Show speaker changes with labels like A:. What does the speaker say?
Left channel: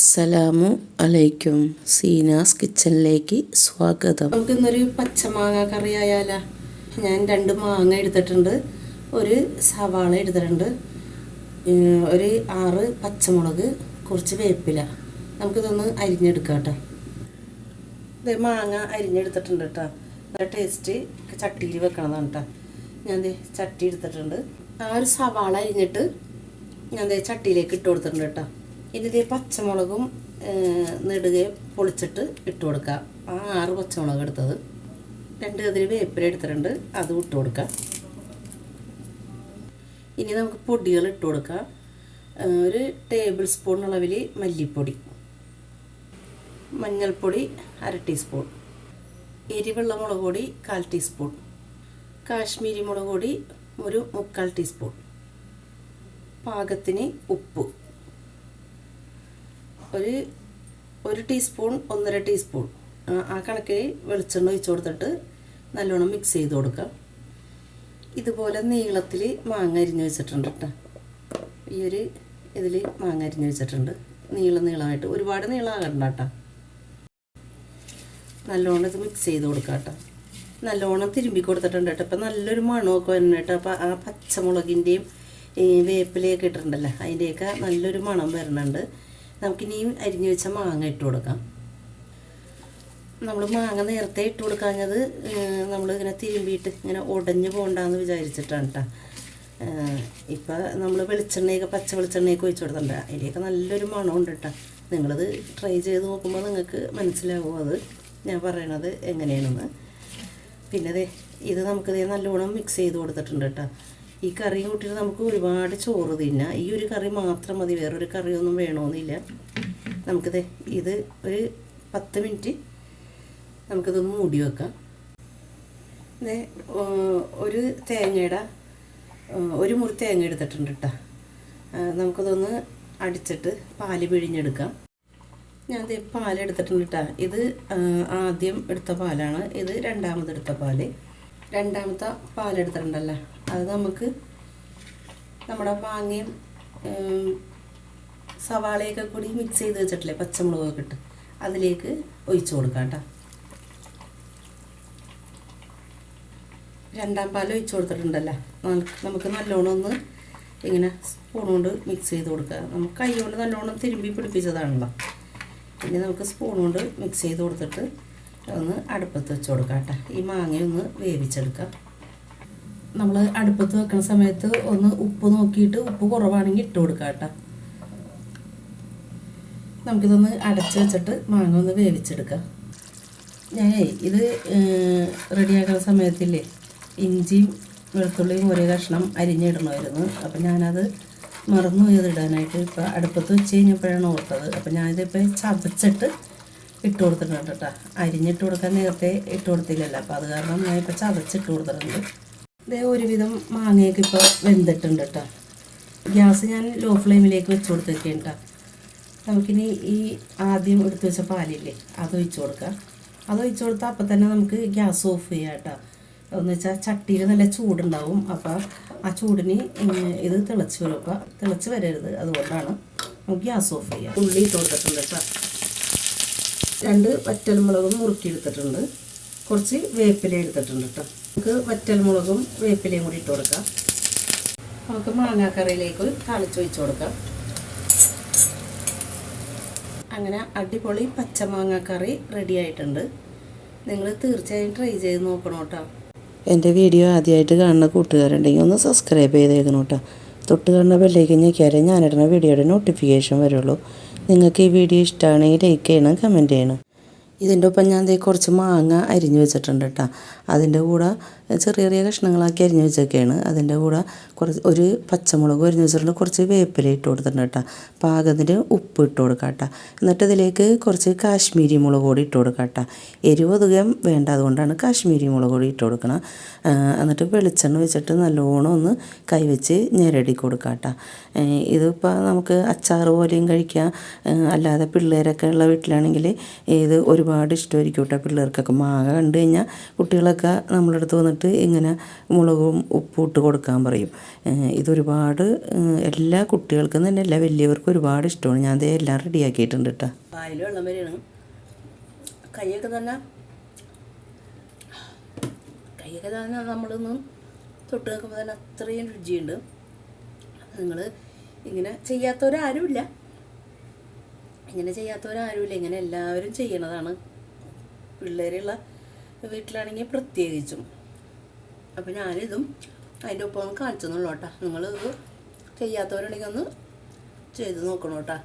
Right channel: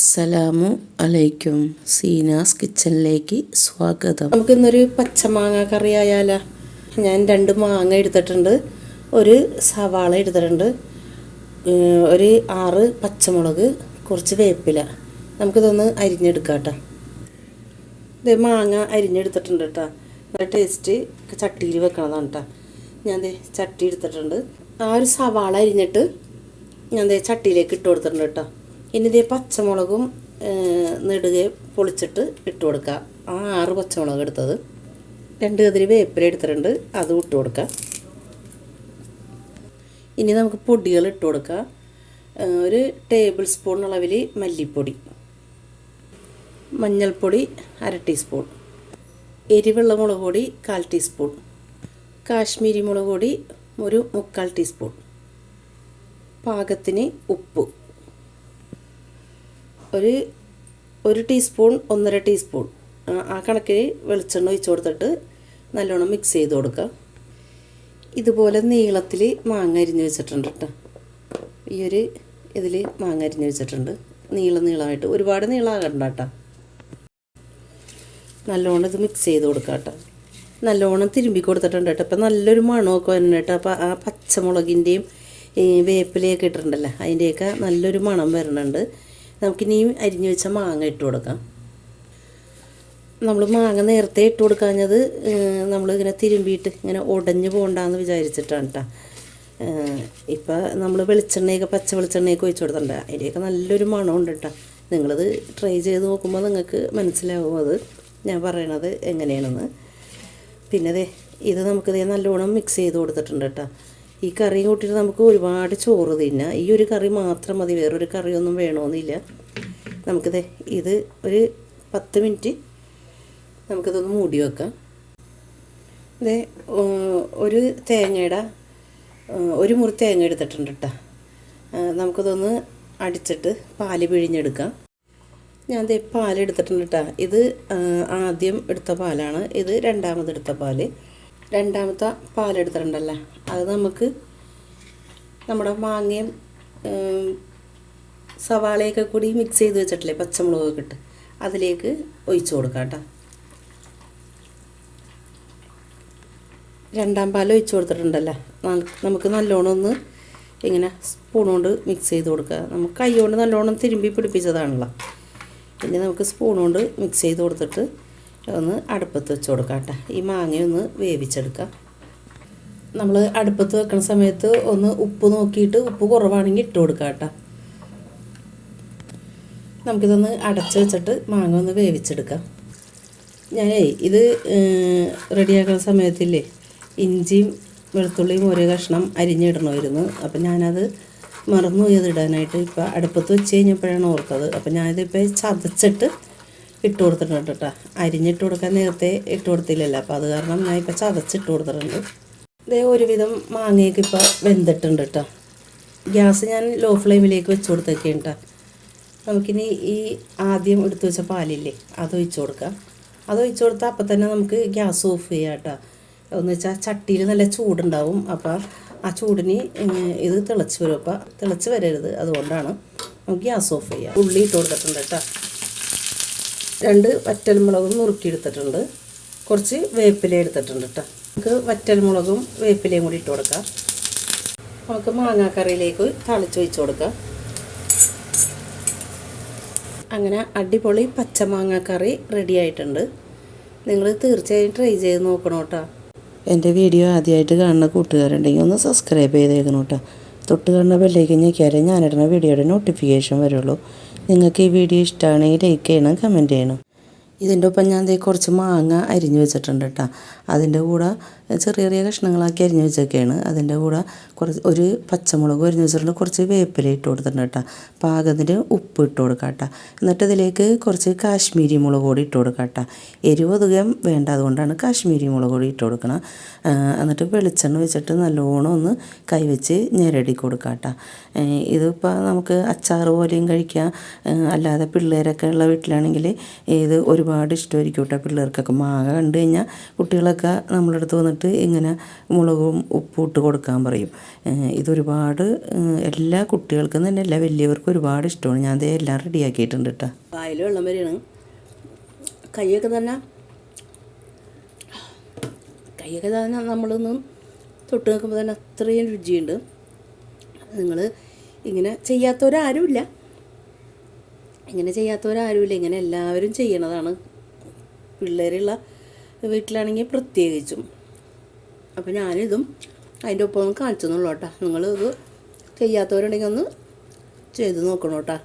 A: അസ്സലാമു അലൈക്കും. സീനാസ് കിച്ചണിലേക്ക് സ്വാഗതം. നമുക്കിന്നൊരു പച്ചമാങ്ങ കറി ആയാല. ഞാൻ രണ്ട് മാങ്ങ എടുത്തിട്ടുണ്ട്. ഒരു സവാള എടുത്തിട്ടുണ്ട്. ഒരു ആറ് പച്ചമുളക് കുറച്ച് വേപ്പില. നമുക്കിതൊന്ന് അരിഞ്ഞെടുക്കാം കേട്ടോ ഇത് മാങ്ങ അരിഞ്ഞെടുത്തിട്ടുണ്ട് കേട്ടോ. നല്ല ടേസ്റ്റ് ചട്ടിയിൽ വെക്കണതാണ് കേട്ടോ ഞാൻ ചട്ടി എടുത്തിട്ടുണ്ട്. ആ ഒരു സവാള അരിഞ്ഞിട്ട് ഞാൻ ചട്ടിയിലേക്ക് ഇട്ട് കൊടുത്തിട്ടുണ്ട് കേട്ടോ. ഇനി ഇതേ പച്ചമുളകും നെടുകെ പൊളിച്ചിട്ട് ഇട്ട് കൊടുക്കുക ആ ആറ് പച്ചമുളക് എടുത്തത്. രണ്ട് കതിരി വേപ്പില എടുത്തിട്ടുണ്ട്. അതും ഇട്ട് കൊടുക്കുക ഇനി നമുക്ക് പൊടികൾ ഇട്ട് കൊടുക്കുക ഒരു ടേബിൾ സ്പൂൺ അളവിൽ മല്ലിപ്പൊടി. മഞ്ഞൾപ്പൊടി അര ടീസ്പൂൺ. എരിവെള്ള മുളക് പൊടി കാൽ ടീസ്പൂൺ. കാശ്മീരി മുളക് പൊടി ഒരു മുക്കാൽ ടീസ്പൂൺ. പാകത്തിന് ഉപ്പ്. ഒരു ഒരു ടീസ്പൂൺ ഒന്നര ടീസ്പൂൺ ആ, കണക്കിന് വെളിച്ചെണ്ണ ഒഴിച്ച് കൊടുത്തിട്ട് നല്ലോണം മിക്സ് ചെയ്ത് കൊടുക്കുക. ഇതുപോലെ നീളത്തിൽ മാങ്ങ അരിഞ്ഞ് വെച്ചിട്ടുണ്ട് കേട്ടോ ഈ ഒരു ഇതിൽ മാങ്ങ അരിഞ്ഞ് വെച്ചിട്ടുണ്ട്. നീളം നീളമായിട്ട്. ഒരുപാട് നീളമാകണ്ട കേട്ടോ നല്ലോണം ഇത് മിക്സ് ചെയ്ത് കൊടുക്കുക കേട്ടോ നല്ലോണം തിരുമ്പി കൊടുത്തിട്ടുണ്ട് കേട്ടോ അപ്പം നല്ലൊരു മണമൊക്കെ വരുന്നുണ്ട് കേട്ടോ അപ്പം ആ പച്ചമുളകിന്റെയും വേപ്പിലയൊക്കെ ഇട്ടിട്ടുണ്ടല്ലോ? അതിന്റെയൊക്കെ നല്ലൊരു മണം വരുന്നുണ്ട് നമുക്കിനിയും അരിഞ്ഞു വെച്ച മാങ്ങ ഇട്ട് കൊടുക്കാം. നമ്മൾ മാങ്ങ നേരത്തെ ഇട്ട് കൊടുക്കാഞ്ഞത് നമ്മളിങ്ങനെ തിരുമ്പിയിട്ട് ഇങ്ങനെ ഉടഞ്ഞു പോകണ്ടെന്ന് വിചാരിച്ചിട്ടാണ് കേട്ടോ ഇപ്പം നമ്മൾ വെളിച്ചെണ്ണയൊക്കെ പച്ച വെളിച്ചെണ്ണയൊക്കെ ഒഴിച്ചു കൊടുത്തിട്ടുണ്ട്. അതിന്റെയൊക്കെ നല്ലൊരു മണമുണ്ട് കേട്ടോ നിങ്ങളത് ട്രൈ ചെയ്ത് നോക്കുമ്പോൾ നിങ്ങൾക്ക് മനസ്സിലാവും അത്. ഞാൻ പറയണത് എങ്ങനെയാണെന്ന്. പിന്നെ ഇത് നമുക്ക് നല്ലോണം മിക്സ് ചെയ്ത് കൊടുത്തിട്ടുണ്ട് കേട്ടോ ഈ കറിയും കൂട്ടിയിട്ട് നമുക്ക് ഒരുപാട് ചോറ് തിന്നാം. ഈ ഒരു കറി മാത്രം മതി വേറൊരു കറിയൊന്നും വേണമെന്നില്ല നമുക്കിത് ഇത് ഒരു പത്ത് മിനിറ്റ് നമുക്കിതൊന്ന് മൂടി വെക്കാം. ഇത് ഒരു തേങ്ങയുടെ ഒരു മുറി തേങ്ങ എടുത്തിട്ടുണ്ട് കേട്ടോ നമുക്കതൊന്ന് അടിച്ചിട്ട് പാൽ പിഴിഞ്ഞെടുക്കാം. ഞാൻ ദേ പാലെടുത്തിട്ടുണ്ട് കേട്ടോ ഇത് ആദ്യം എടുത്ത പാലാണ്. ഇത് രണ്ടാമത് എടുത്ത പാൽ. രണ്ടാമത്തെ പാലെടുത്തിട്ടുണ്ടല്ലേ? അത് നമുക്ക് നമ്മുടെ മാങ്ങയും സവാളയൊക്കെ കൂടി മിക്സ് ചെയ്ത് വെച്ചിട്ടില്ലേ പച്ചമുളകൊക്കെ ഇട്ട്? അതിലേക്ക് ഒഴിച്ചു കൊടുക്കാം കേട്ടോ. രണ്ടാം പാൽ ഒഴിച്ചു കൊടുത്തിട്ടുണ്ടല്ലോ? നമുക്ക് നല്ലോണം ഒന്ന് ഇങ്ങനെ സ്പൂൺ കൊണ്ട് മിക്സ് ചെയ്ത് കൊടുക്കുക. നമുക്ക് കൈ കൊണ്ട് നല്ലോണം തിരുമ്പി പിടിപ്പിച്ചതാണല്ലോ. ഇനി നമുക്ക് സ്പൂൺ കൊണ്ട് മിക്സ് ചെയ്ത് കൊടുത്തിട്ട് ഒന്ന് അടുപ്പത്ത് വെച്ച് കൊടുക്കാം കേട്ടോ. ഈ മാങ്ങയൊന്ന് വേവിച്ചെടുക്കാം. നമ്മൾ അടുപ്പത്ത് വെക്കുന്ന സമയത്ത് ഒന്ന് ഉപ്പ് നോക്കിയിട്ട് ഉപ്പ് കുറവാണെങ്കിൽ ഇട്ട് കൊടുക്കാം കേട്ടോ. നമുക്കിതൊന്ന് അടച്ച് വെച്ചിട്ട് മാങ്ങ ഒന്ന് വേവിച്ചെടുക്കാം. ഞാൻ ഇത് റെഡിയാക്കുന്ന സമയത്തില്ലേ ഇഞ്ചിയും വെളുത്തുള്ളിയും ഒരേ കഷ്ണം അരിഞ്ഞിടണമായിരുന്നു. അപ്പം ഞാനത് മറന്നു പോയത് ഇടാനായിട്ട്. ഇപ്പം അടുപ്പത്ത് വെച്ച് കഴിഞ്ഞപ്പോഴാണ് ഓർത്തത്. അപ്പം ഞാനിതിപ്പോൾ ചതച്ചിട്ട് ഇട്ട് കൊടുത്തിട്ടുണ്ട് കേട്ടോ അരിഞ്ഞിട്ട് കൊടുക്കാൻ നേരത്തെ ഇട്ട് കൊടുത്തില്ലല്ലോ. അപ്പോൾ അത് കാരണം ഞാൻ ഇപ്പോൾ ചതച്ചിട്ട് കൊടുത്തിട്ടുണ്ട്. ഇതേ ഒരുവിധം മാങ്ങയൊക്കെ ഇപ്പോൾ വെന്തിട്ടുണ്ട് കേട്ടോ ഗ്യാസ് ഞാൻ ലോ ഫ്ലെയിമിലേക്ക് വെച്ച് കൊടുത്തേക്കാണ് കേട്ടോ നമുക്കിനി ഈ ആദ്യം എടുത്തു വെച്ച പാലില്ലേ അത് ഒഴിച്ചു കൊടുക്കാം. അത് ഒഴിച്ചു കൊടുത്താൽ അപ്പം തന്നെ നമുക്ക് ഗ്യാസ് ഓഫ് ചെയ്യാം കേട്ടോ എന്ന് വെച്ചാൽ ചട്ടിയിൽ നല്ല ചൂടുണ്ടാവും. അപ്പോൾ ആ ചൂടിന് ഇത് തിളച്ച് വരും. അപ്പോൾ തിളച്ച് വരരുത്. അതുകൊണ്ടാണ് നമുക്ക് ഗ്യാസ് ഓഫ് ചെയ്യാം. ഉള്ളി ഇട്ട് കൊടുത്തിട്ടുണ്ട് കേട്ടോ രണ്ട് വറ്റൽമുളകും നുറുക്കിയെടുത്തിട്ടുണ്ട്. കുറച്ച് വേപ്പില എടുത്തിട്ടുണ്ട് കേട്ടോ നമുക്ക് വറ്റൽമുളകും വേപ്പിലയും കൂടി ഇട്ട് കൊടുക്കാം. നമുക്ക് മാങ്ങാക്കറിയിലേക്ക് തളിച്ച് വെച്ച് കൊടുക്കാം. അങ്ങനെ അടിപൊളി പച്ചമാങ്ങ കറി റെഡി ആയിട്ടുണ്ട്. നിങ്ങൾ തീർച്ചയായും ട്രൈ ചെയ്ത് നോക്കണം കേട്ടോ എന്റെ വീഡിയോ ആദ്യമായിട്ട് കാണുന്ന കൂട്ടുകാരുണ്ടെങ്കിൽ ഒന്ന് സബ്സ്ക്രൈബ് ചെയ്തേക്കണം കേട്ടോ തൊട്ട് കാണുന്ന ബെല്ലേക്ക് ഞെക്കിയാലേ ഞാനിടുന്ന വീഡിയോയുടെ നോട്ടിഫിക്കേഷൻ വരുള്ളൂ. നിങ്ങൾക്ക് ഈ വീഡിയോ ഇഷ്ടമാണെങ്കിൽ ലൈക്ക് ചെയ്യണം കമന്റ് ചെയ്യണം. ഇതിന്റെ ഒപ്പം ഞാൻ കുറച്ച് മാങ്ങ അരിഞ്ഞു വെച്ചിട്ടുണ്ട് കേട്ടോ അതിന്റെ കൂടെ ചെറിയ ചെറിയ കഷ്ണങ്ങളാക്കി അരിഞ്ഞു വെച്ചൊക്കെയാണ്. അതിന്റെ കൂടെ കുറച്ച് ഒരു പച്ചമുളക് അരിഞ്ഞു വെച്ചിട്ടുണ്ട് കുറച്ച് വേപ്പില ഇട്ട് കൊടുത്തിട്ടുണ്ട് കേട്ടോ. പാകത്തിന് ഉപ്പ് ഇട്ട് കൊടുക്കാം കേട്ടോ. എന്നിട്ട് ഇതിലേക്ക് കുറച്ച് കാശ്മീരി മുളക് പൊടി ഇട്ട് കൊടുക്കാം കേട്ടോ. എരിവ് അധികം വേണ്ട അതുകൊണ്ടാണ് കാശ്മീരി മുളക് പൊടി ഇട്ട് കൊടുക്കണം. എന്നിട്ട് വെളിച്ചെണ്ണ വെച്ചിട്ട് നല്ലോണം ഒന്ന് കൈവച്ച് ഞെരടി കൊടുക്കാം കേട്ടോ. ഇതിപ്പോൾ നമുക്ക് അച്ചാർ പോലെയും കഴിക്കാം. അല്ലാതെ പിള്ളേരൊക്കെ ഉള്ള വീട്ടിലാണെങ്കിൽ ഇത് ഒരുപാട് ഇഷ്ടമായിരിക്കും കേട്ടോ പിള്ളേർക്കൊക്കെ. മാങ്ങ കണ്ടു കഴിഞ്ഞാൽ കുട്ടികളൊക്കെ നമ്മളടുത്ത് വന്നിട്ട് എന്നിട്ട് ഇങ്ങനെ മുളകും ഉപ്പും ഇട്ട് കൊടുക്കാൻ പറയും. ഇതൊരുപാട് എല്ലാ കുട്ടികൾക്കും തന്നെ എല്ലാ വലിയവർക്കും ഒരുപാട് ഇഷ്ടമാണ്. ഞാൻ അതേ എല്ലാം റെഡിയാക്കിയിട്ടുണ്ട് കേട്ടോ. വായിലുള്ള വരെയാണ്. കൈയൊക്കെ തന്നെ കൈയൊക്കെ തന്നെ നമ്മളൊന്ന് തൊട്ട് നോക്കുമ്പോൾ തന്നെ അത്രയും രുചിയുണ്ട്. നിങ്ങൾ ഇങ്ങനെ ചെയ്യാത്തവരാരുമില്ല. ഇങ്ങനെ ചെയ്യാത്തവരാരുമില്ല. ഇങ്ങനെ എല്ലാവരും ചെയ്യണതാണ്. പിള്ളേരുള്ള വീട്ടിലാണെങ്കിൽ പ്രത്യേകിച്ചും. അപ്പോൾ ഞാനിതും അതിന്റെ ഒപ്പം ഒന്ന് കാണിച്ചു തന്നുള്ളൂ കേട്ടോ നിങ്ങളിത് ചെയ്യാത്തവരുണ്ടെങ്കിൽ ഒന്ന് ചെയ്ത് നോക്കണം കേട്ടോ?